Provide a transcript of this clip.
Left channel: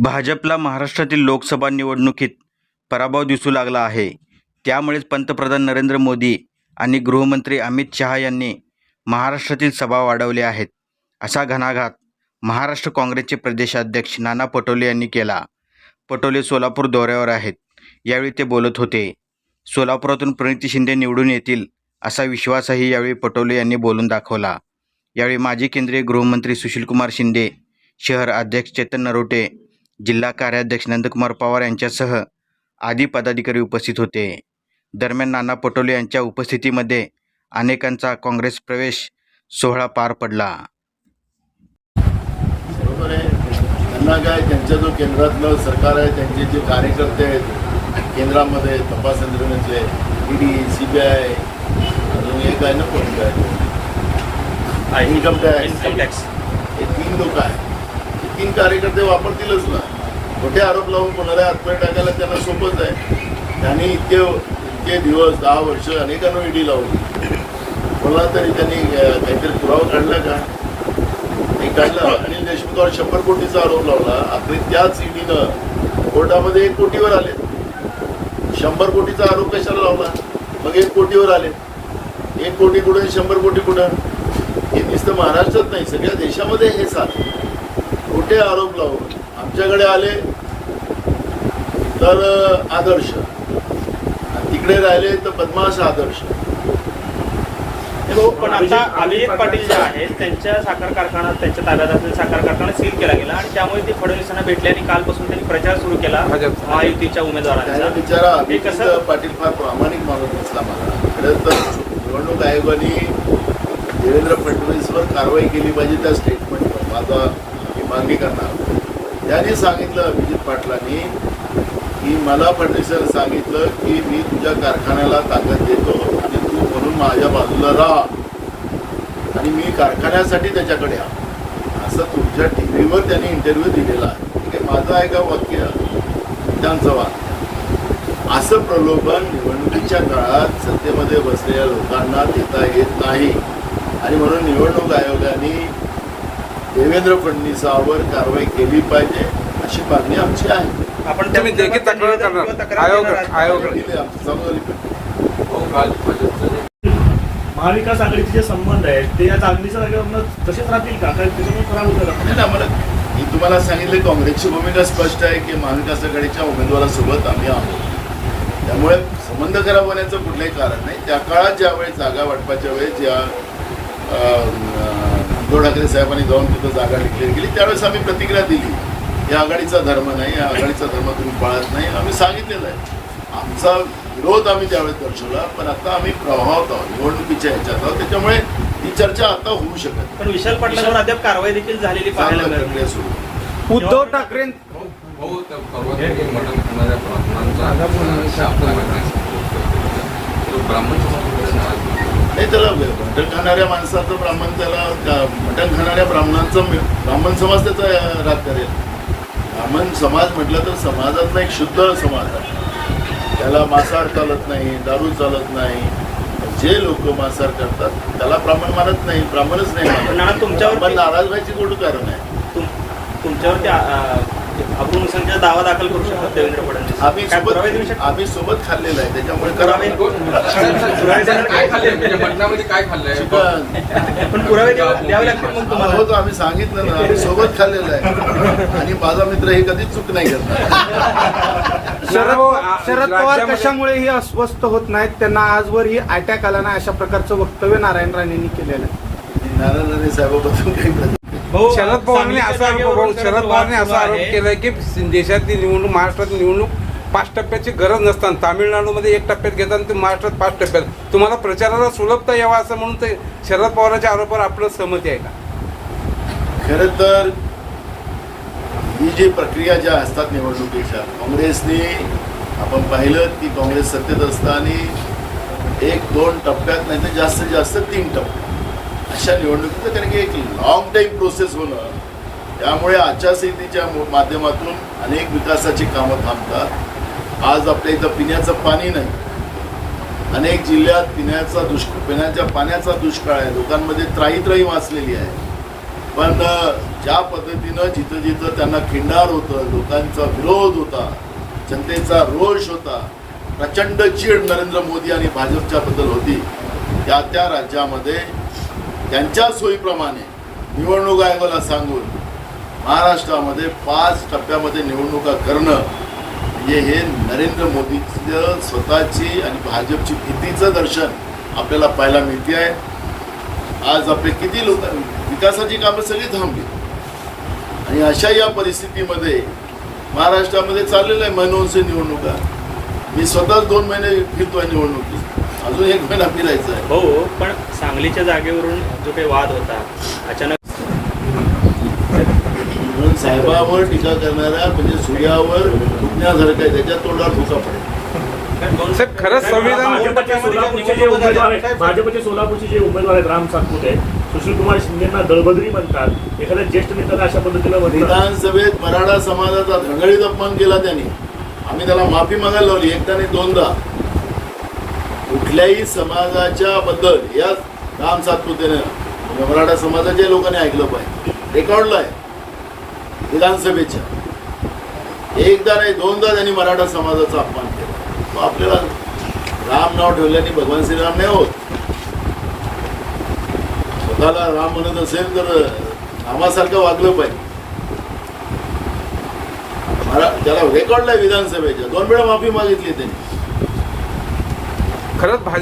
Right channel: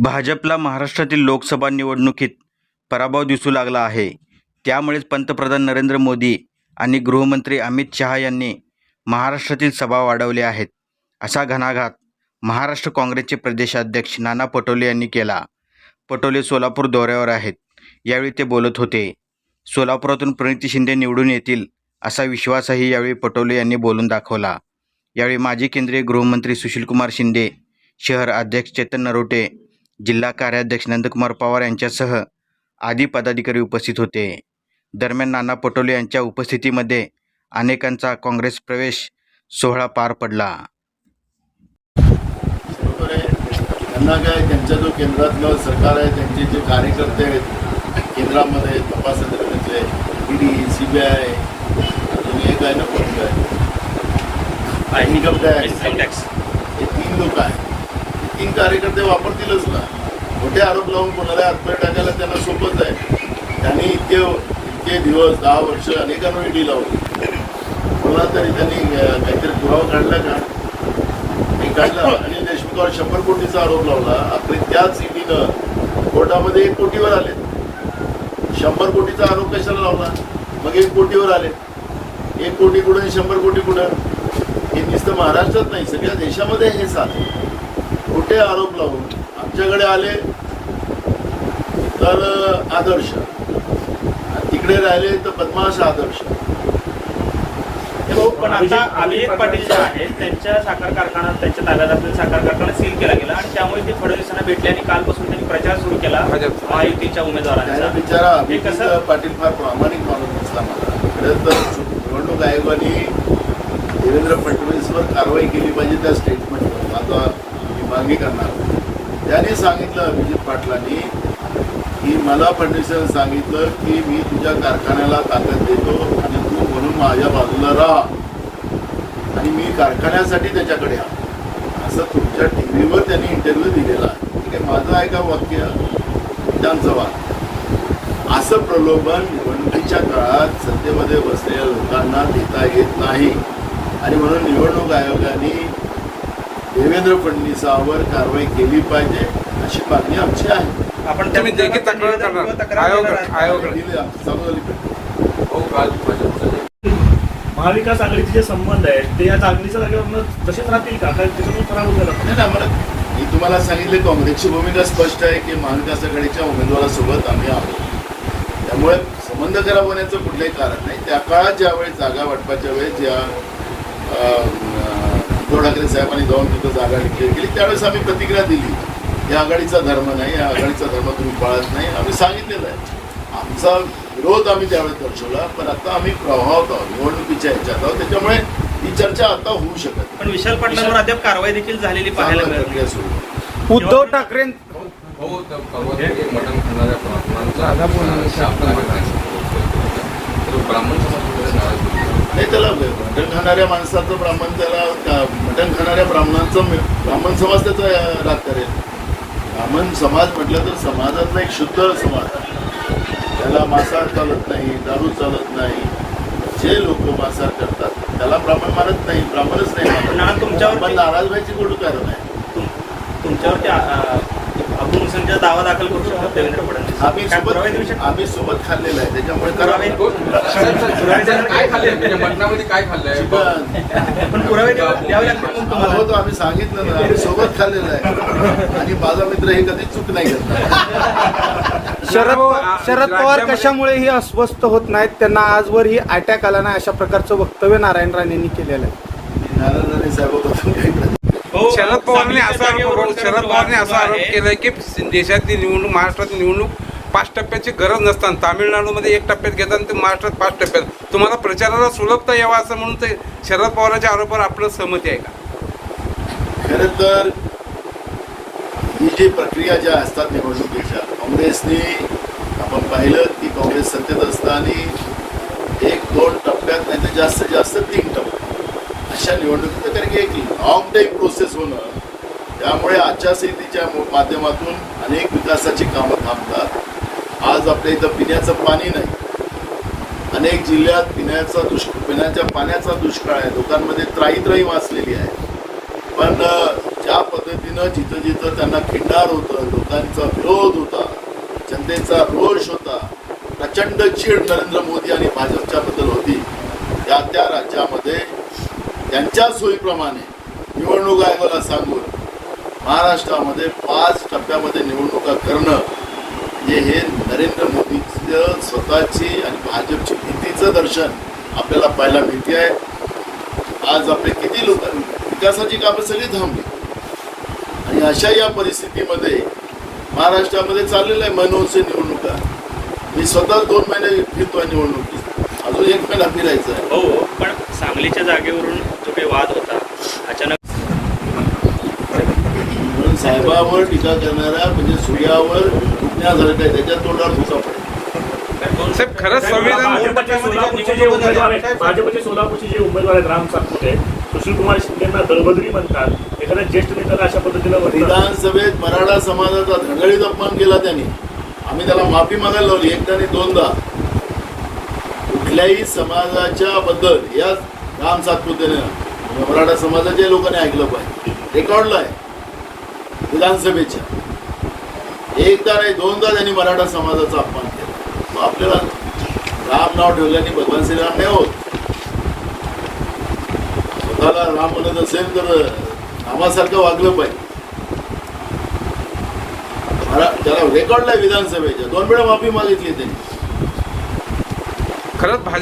भाजपला महाराष्ट्रातील लोकसभा निवडणुकीत पराभव दिसू लागला आहे. त्यामुळेच पंतप्रधान नरेंद्र मोदी आणि गृहमंत्री अमित शहा यांनी महाराष्ट्रातील सभा वाढवल्या आहेत. असा घणाघात महाराष्ट्र काँग्रेसचे प्रदेशाध्यक्ष नाना पटोले यांनी केला. पटोले सोलापूर दौऱ्यावर आहेत. यावेळी ते बोलत होते. सोलापुरातून प्रणिती शिंदे निवडून येतील असा विश्वासही यावेळी पटोले यांनी बोलून दाखवला. यावेळी माजी केंद्रीय गृहमंत्री सुशीलकुमार शिंदे, शहर अध्यक्ष चेतन नरोटे, जिल्हा कार्याध्यक्ष नंदकुमार पवार यांच्यासह आदी पदाधिकारी उपस्थित होते. दरम्यान नाना पटोले यांच्या उपस्थितीमध्ये अनेकांचा काँग्रेस प्रवेश सोहळा पार पडला. त्यांना काय, त्यांच्या जो केंद्रातलं सरकार आहे, त्यांचे जे कार्यकर्ते आहेत केंद्रामध्ये तपास यंत्रणेतले, ईडी, CBI, अजून एक आहे ना, कोणतं आहे, इन्कम टॅक्स, हे 3 लोक आहेत. हे 3 कार्यकर्ते वापरतीलच ना. खोटे आरोप लावून कोणाला हातपाय टाकायला त्यांना सोपंच आहे. त्यांनी इतके दिवस 10 वर्ष अनेकांना ईडी लावली. कोणाला तरी त्यांनी काहीतरी पुरावा काढला का? नाही काढला. अनिल देशमुखावर 100 कोटीचा आरोप लावला. अखेर त्याच ईडीनं कोर्टामध्ये 1 कोटीवर आले. 100 कोटीचा आरोप कशाला लावला? मग 1 कोटीवर आले. 1 कोटी कुठून 100 कोटी कुठं? हे नुसतं महाराष्ट्रात नाही, सगळ्या देशामध्ये हे चाललं. खोटे आरोप लावून आमच्याकडे आले तर आदर्श, तिकडे राहिले तर बदमाश आदर्श. पण आता अभिजित पाटील जे आहेत त्यांच्या साखर कारखाना, त्यांच्या ताब्यात असलेला साखर कारखाना सील केला गेला आणि त्यामुळे ते फडणवीसांना भेटले आणि कालपासून त्यांनी प्रचार सुरू केला महायुतीच्या उमेदवारांचा. बिचारा अभिजित पाटील फार प्रामाणिक माणूस नसला. मला खरं तर निवडणूक आयोगाने देवेंद्र फडणवीसवर कारवाई केली पाहिजे. त्या स्टेटमेंटवर माझा मी मागणी करणार. त्यांनी सांगितलं, अभिजित पाटलांनी, की मला फडणवीसांनी सांगितलं की मी तुझ्या कारखान्याला ताकद देतो आणि तू म्हणून माझ्या बाजूला राहा आणि मी कारखान्यासाठी त्याच्याकडे असं तुमच्या टीव्हीवर त्यांनी इंटरव्ह्यू दिलेला आहे. ठीक आहे, माझं आहे का वाक्य, त्यांचं वाक्य. असं प्रलोभन निवडणुकीच्या काळात सत्तेमध्ये बसलेल्या लोकांना देता येत नाही आणि म्हणून निवडणूक आयोगाने देवेंद्र फडणवीसावर कारवाई केली पाहिजे अशी मागणी आमची आहे. आपण तुम्ही देखील तक्रार करणार आयोग महाविकास आघाडीचे जे संबंध आहेत ते या चांगलीच्या जागेवर तसेच राहतील का? मी तुम्हाला सांगितलं, काँग्रेसची भूमिका स्पष्ट आहे की महाविकास आघाडीच्या उमेदवारासोबत आम्ही आहोत. त्यामुळे संबंध खराब होण्याचं कुठलंही कारण नाही. त्या काळात ज्यावेळेस जागा वाटपाच्या वेळेस ज्या उद्धव ठाकरे साहेबांनी जाऊन तिथं जागा डिक्लेअर केली त्यावेळेस आम्ही प्रतिक्रिया दिली. या आघाडीचा धर्म नाही, या आघाडीचा धर्म तुम्ही पाळत नाही, आम्ही सांगितलेलं आहे. आमचा विरोध आम्ही त्यावेळेस दर्शवला. पण आता आम्ही प्रभावात आहोत, निवडणुकीच्या ह्याच्यात आहोत. त्याच्यामुळे ही चर्चा आता होऊ शकत. पण विशाल पाटलांवर अद्याप कारवाई देखील झालेली पाहायला प्रक्रिया सुरू. उद्धव ठाकरे नाही, त्याला मटण खाणाऱ्या माणसाचं ब्राह्मण, त्याला मटण खाणाऱ्या ब्राह्मण समाज त्याचा राग करेल. ब्राह्मण समाज म्हटलं तर समाजातला एक शुद्ध समाज आहे. त्याला मांसाहार चालत नाही, दारू चालत नाही. जे लोक मांसाहार करतात त्याला ब्राह्मण मानत नाही, ब्राह्मणच नाही मानत. तुमच्यावर नाराज व्हायची कुठं कारण आहे? तुमच्यावरती अब्दुल हुसेनचा दावा दाखल करू शकतो देवेंद्र फडणवीस. आम्ही सोबत खाल्लेला आहे, त्याच्यामुळे करावं. काय खाल्लंय चिकन पण पुरावे होतो, आम्ही सांगितलं ना, आम्ही सोबत खाल्लेलं आहे आणि माझा मित्र हे कधीच चूक नाही करणार. शरद पवार कशामुळे ही अस्वस्थ होत नाहीत? त्यांना आजवर ही अटॅक आला नाही अशा प्रकारचं वक्तव्य नारायण राणेंनी केलेलं आहे. नारायण राणे साहेबाबद्दल काही शरद पवारांनी असा आरोप केलाय की देशातली निवडणूक, महाराष्ट्रातली निवडणूक 5 टप्प्याची गरज नसताना तामिळनाडूमध्ये 1 टप्प्यात घेतात आणि ते महाराष्ट्रात 5 टप्प्यात. तुम्हाला प्रचाराला सुलभता यावा असं म्हणून ते शरद पवारांच्या आरोपावर आपलं सहमती आहे का? खरं तर ही जी प्रक्रिया ज्या असतात निवडणुकीच्या, काँग्रेसने आपण पाहिलं की काँग्रेस सत्तेत असताना 1-2 टप्प्यात नाही तर जास्तीत जास्त 3 टप्प्यात अशा निवडणुकीचं, कारण की एक लॉंग टाईम प्रोसेस होणं, त्यामुळे आचारसंहितेच्या माध्यमातून अनेक विकासाची कामं थांबतात. आज आपल्या इथं पिण्याचं पाणी नाही. अनेक जिल्ह्यात पिण्याच्या पाण्याचा दुष्काळ आहे. लोकांमध्ये त्राही वाचलेली आहे. पण ज्या पद्धतीनं जिथं जिथं त्यांना खिंडार होतं, लोकांचा विरोध होता, जनतेचा रोष होता, प्रचंड चीड नरेंद्र मोदी आणि भाजपच्याबद्दल होती, त्या राज्यामध्ये त्यांच्या सोयीप्रमाणे निवडणूक आयोगाला सांगून महाराष्ट्रामध्ये 5 टप्प्यामध्ये निवडणुका करणं म्हणजे हे नरेंद्र मोदीचं स्वतःची आणि भाजपची भीतीचं दर्शन आपल्याला पाहायला मिळते आहे. आज आपले किती लोक विकासाची कामं सगळी थांबली आणि अशा या परिस्थितीमध्ये महाराष्ट्रामध्ये चाललेलं आहे मनोहरचे निवडणुका. मी स्वतःच 2 महिने फिरतोय निवडणुकीत, अजून 1 महिना फिरायचा आहे. हो, पण सांगलीच्या जागेवरून जो काही वाद होता अचानक म्हणून साहेबावर टीका करणाऱ्या म्हणजे सूर्यावर फुकण्यासारखं आहे, त्याच्या तोंडावर फुका पडेल. साहेब खरंच संविधान भाजपचे सोलापूरचे जे उमेदवार आहेत राम सातपुते, सुशील कुमार शिंदेना दळबद्री म्हणतात. एखाद्या ज्येष्ठ नेत्याला अशा पद्धतीनं विधानसभेत मराठा समाजाचा धडधडीत अपमान केला त्यांनी. आम्ही त्याला माफी मागायला लावली, एकदा नाही 2दा. कुठल्याही समाजाच्या बद्दल या राम सातपुतेने मराठा समाजाच्या लोकांनी ऐकलं पाहिजे. रेकॉर्डला आहे विधानसभेच्या. एकदा नाही 2दा त्यांनी मराठा समाजाचा अपमान केला. मग आपल्याला राम नाव ठेवल्याने भगवान श्रीराम नाही होत. स्वतःला राम म्हणत असेल तर नावासारखं वागलं पाहिजे. त्याला रेकॉर्डला विधानसभेच्या 2 वेळा माफी मागितली त्यांनी. खरंच भाजप